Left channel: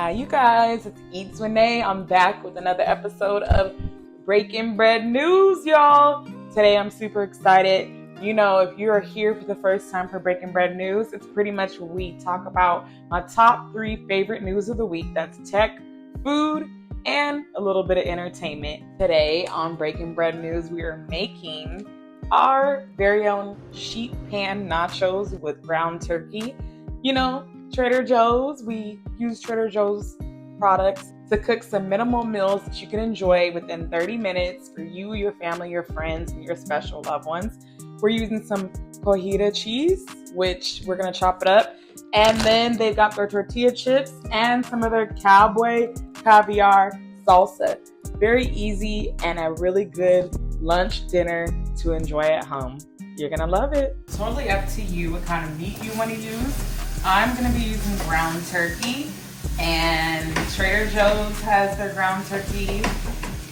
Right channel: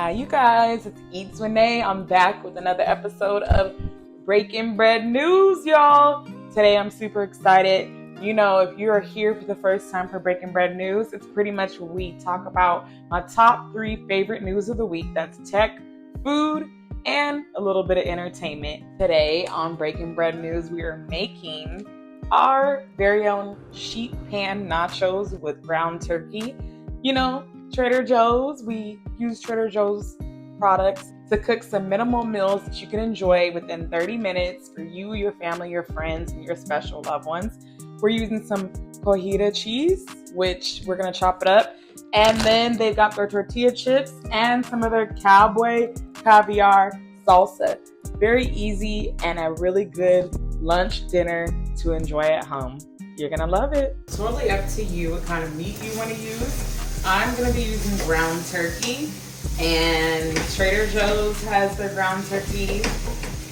Hi, you guys. It's Eats Renee. I'm back with another episode of Breaking Bread News, y'all. Today, I'm super excited. You know, if you're here for the first time for Breaking Bread News, it's pretty much where we talk about my top 3 favorite news of the week. That's tech, food, and a little bit of entertainment. Today on Breaking Bread News, we are making our very own sheet pan nachos with ground turkey. You know, Trader Joe's, we use Trader Joe's products to cook some minimal meals that you can enjoy within 30 minutes for you, your family, your friends, and your special loved ones. We're using some cojita cheese, which we're going to chop it up. And then they've got their tortilla chips and some of their cowboy caviar salsa. Very easy and a really good lunch dinner to enjoy at home. You're going to love it. Totally up to you what kind of meat you want to use. I'm going to be using ground turkey, and Trader Joe's has their ground turkey.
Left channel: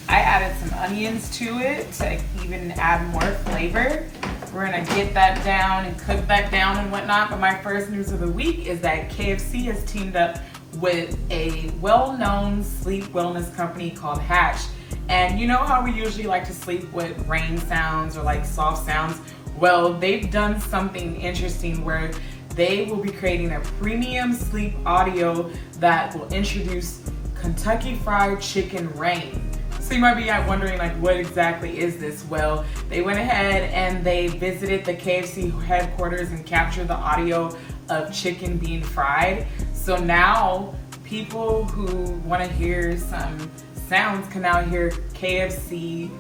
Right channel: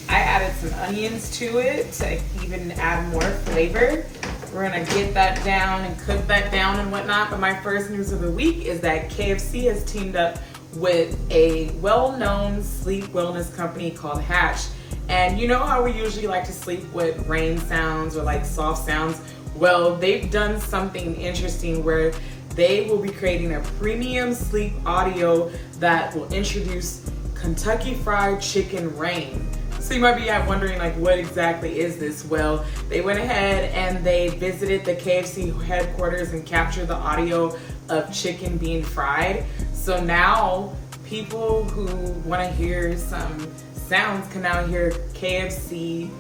I added some onions to it to even add more flavor. We're going to get that down and cook that down and whatnot. But my first news of the week is that KFC has teamed up with a well-known sleep wellness company called Hatch. And you know how we usually like to sleep with rain sounds or like soft sounds? Well, they've done something interesting where they will be creating a premium sleep audio that will introduce Kentucky Fried Chicken Rain. So you might be wondering, like, what exactly is this? Well, they went ahead and they visited the KFC headquarters and captured the audio of chicken being fried. So now people who want to hear some sounds can now hear KFC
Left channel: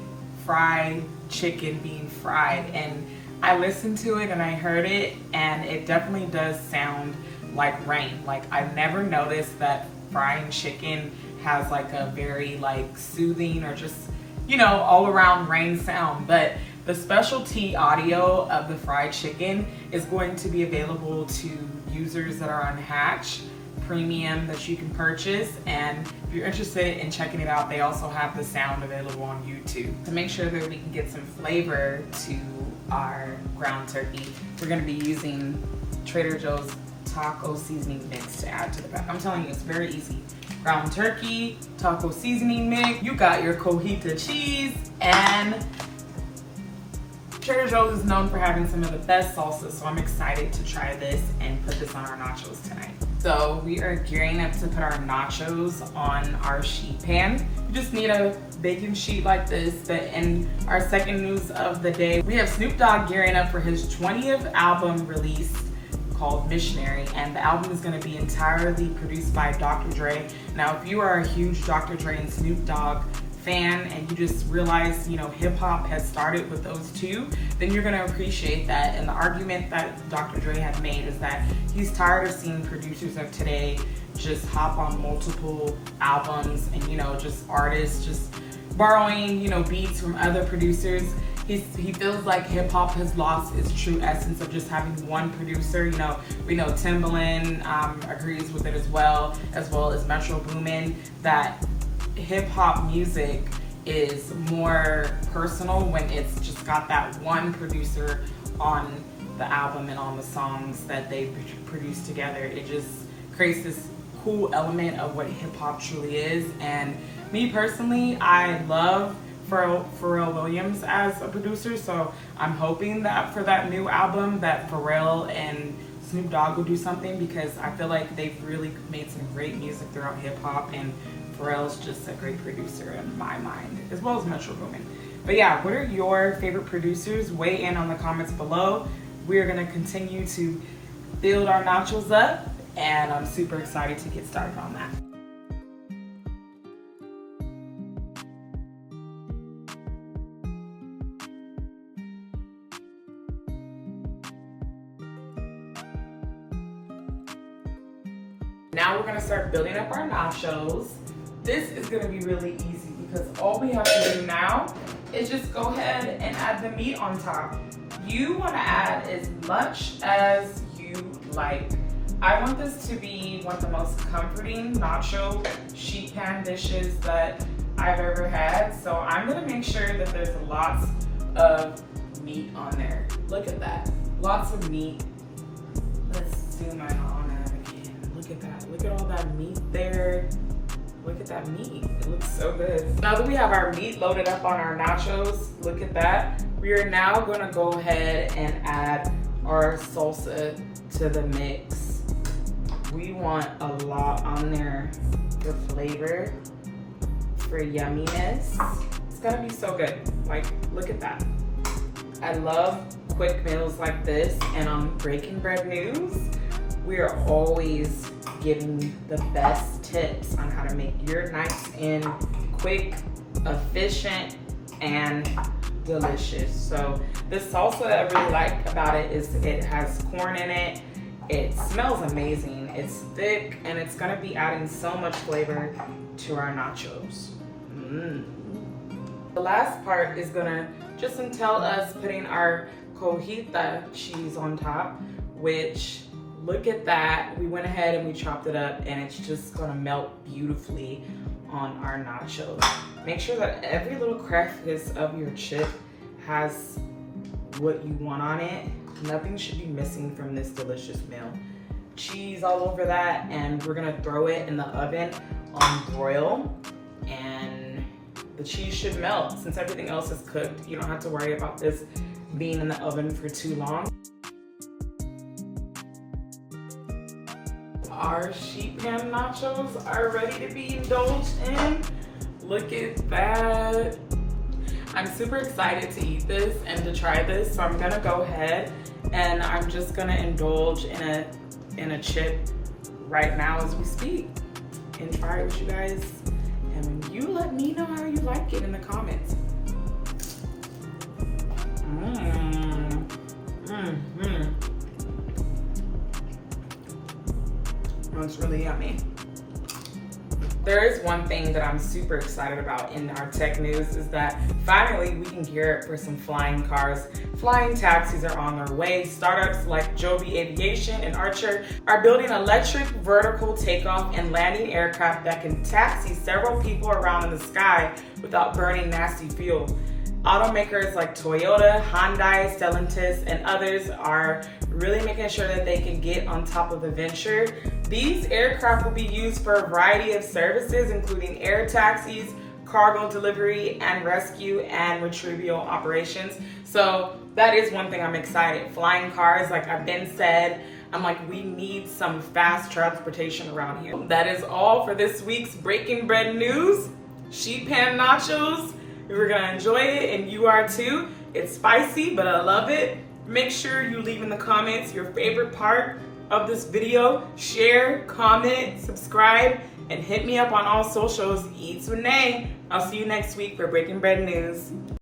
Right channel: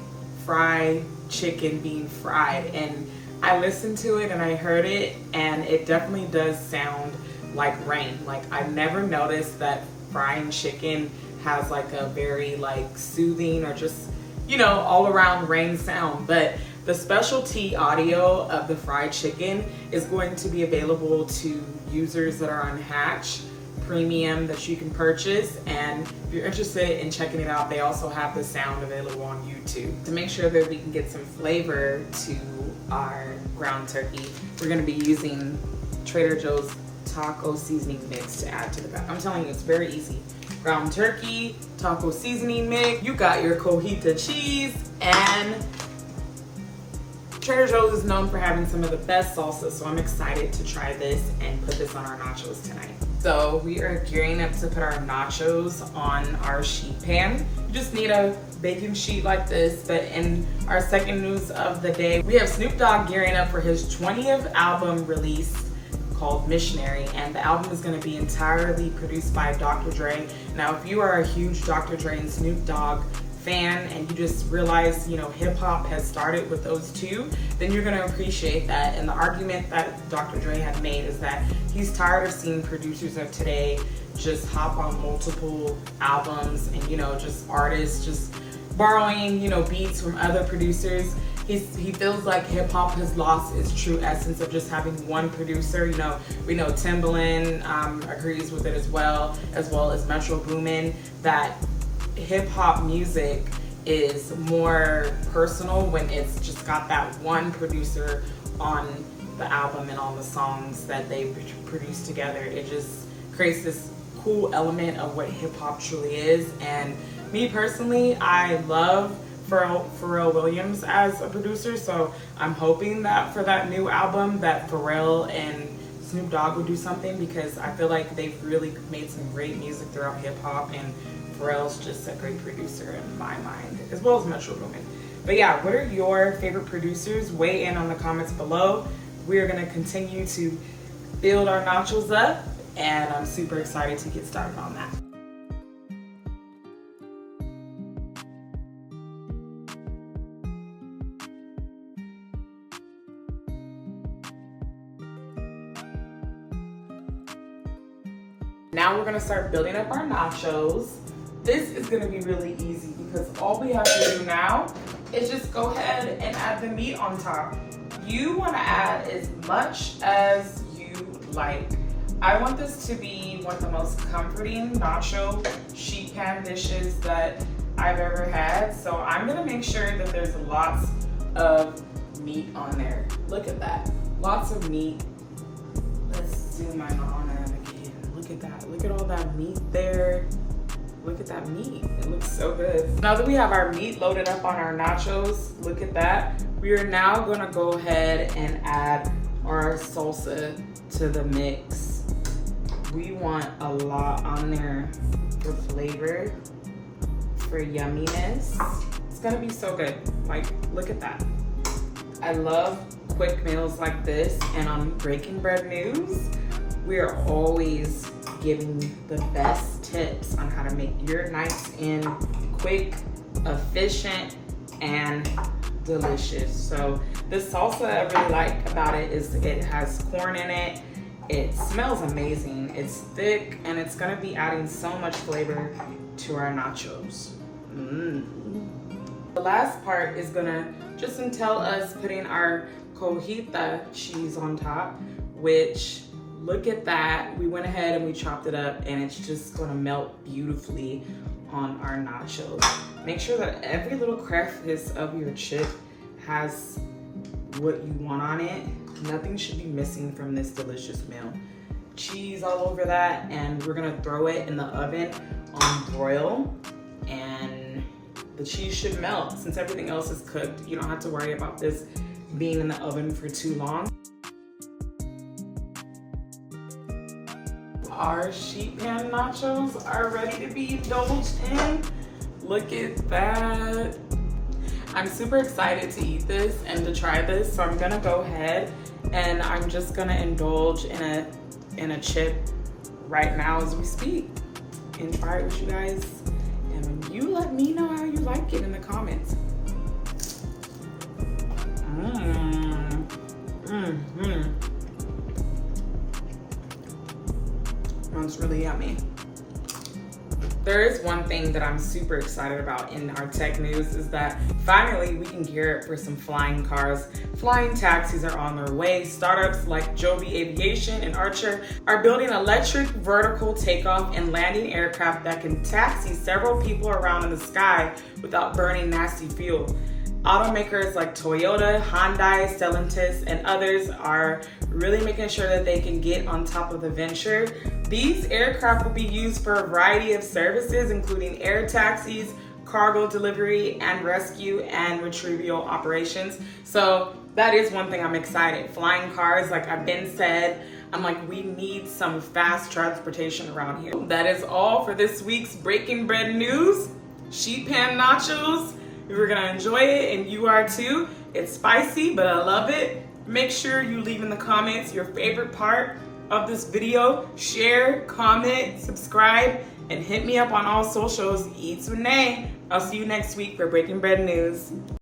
fried chicken being fried. And I listened to it and I heard it, and it definitely does sound like rain. Like, I've never noticed that frying chicken has like a very like soothing or just, you know, all around rain sound. But the specialty audio of the fried chicken is going to be available to users that are on Hatch Premium that you can purchase. And if you're interested in checking it out, they also have the sound available on YouTube. To make sure that we can get some flavor to our ground turkey, we're going to be using Trader Joe's taco seasoning mix to add to the back. I'm telling you, it's very easy. Ground turkey, taco seasoning mix, you got your cojita cheese, and Trader Joe's is known for having some of the best salsa, so I'm excited to try this and put this on our nachos tonight. So we are gearing up to put our nachos on our sheet pan. You just need a baking sheet like this. But in our second news of the day, we have Snoop Dogg gearing up for his 20th album release called Missionary, and the album is going to be entirely produced by Dr. Dre. Now, if you are a huge Dr. Dre and Snoop Dogg fan and you just realize, you know, hip hop has started with those two, then you're going to appreciate that. And the argument that Dr. Dre had made is that he's tired of seeing producers of today just hop on multiple albums and, you know, just artists just borrowing, you know, beats from other producers. He feels like hip hop has lost its true essence of just having one producer. You know, we know Timbaland agrees with it as well as Metro Boomin, that hip hop music is more personal when it's just got that one producer on the album and on the songs that they produce together. It just creates this cool element of what hip hop truly is. And me personally, I love Pharrell Williams as a producer, so I'm hoping that for that new album that Pharrell and Snoop Dogg will do something, because I feel like they've really made some great music throughout hip hop, and Pharrell's just a great producer in my mind, as well as Metro Boomin. But yeah, what are your favorite producers? Weigh in on the comments below. We are going to continue to build our nachos up, and I'm super excited to get started on that. Now we're gonna start building up our nachos. This is gonna be really easy because all we have to do now is just go ahead and add the meat on top. You wanna add as much as you like. I want this to be one of the most comforting nacho sheet pan dishes that I've ever had. So I'm gonna make sure that there's lots of meat on there. Look at that, lots of meat. Let's zoom in on that again. Look at that, look at all that meat there. that meat. It looks so good. Now that we have our meat loaded up on our nachos, look at that. We are now gonna go ahead and add our salsa to the mix. We want a lot on there for flavor, for yumminess. It's gonna be so good. Like, look at that. I love quick meals like this, and on Breaking Bread News, we are always giving the best tips on how to make your nights in quick, efficient, and delicious. So the salsa I really like about it is it has corn in it. It smells amazing. It's thick, and it's gonna be adding so much flavor to our nachos. The last part is gonna just entail us putting our cojita cheese on top, which, look at that. We went ahead and we chopped it up, and it's just gonna melt beautifully on our nachos. Make sure that every little crevice of your chip has what you want on it. Nothing should be missing from this delicious meal. Cheese all over that, and we're gonna throw it in the oven on broil, and the cheese should melt. Since everything else is cooked, you don't have to worry about this being in the oven for too long. Our sheet pan nachos are ready to be indulged in. Look at that. I'm super excited to eat this and to try this, so I'm gonna go ahead and I'm just gonna indulge in a chip right now as we speak and try it with you guys. And you let me know how you like it in the comments. It's really yummy. There is one thing that I'm super excited about in our tech news is that finally we can gear up for some flying cars. Flying taxis are on their way. Startups like Joby Aviation and Archer are building electric vertical takeoff and landing aircraft that can taxi several people around in the sky without burning nasty fuel. Automakers like Toyota, Hyundai, Stellantis, and others are really making sure that they can get on top of the venture. These aircraft will be used for a variety of services, including air taxis, cargo delivery, and rescue and retrieval operations. So that is one thing I'm excited. Flying cars, like I've been said, I'm like, we need some fast transportation around here. That is all for this week's Breaking Bread News. Sheet pan nachos. We're gonna enjoy it, and you are too. It's spicy, but I love it. Make sure you leave in the comments your favorite part of this video. Share, comment, subscribe, and hit me up on all socials. Eats with Nay. I'll see you next week for Breaking Bread News.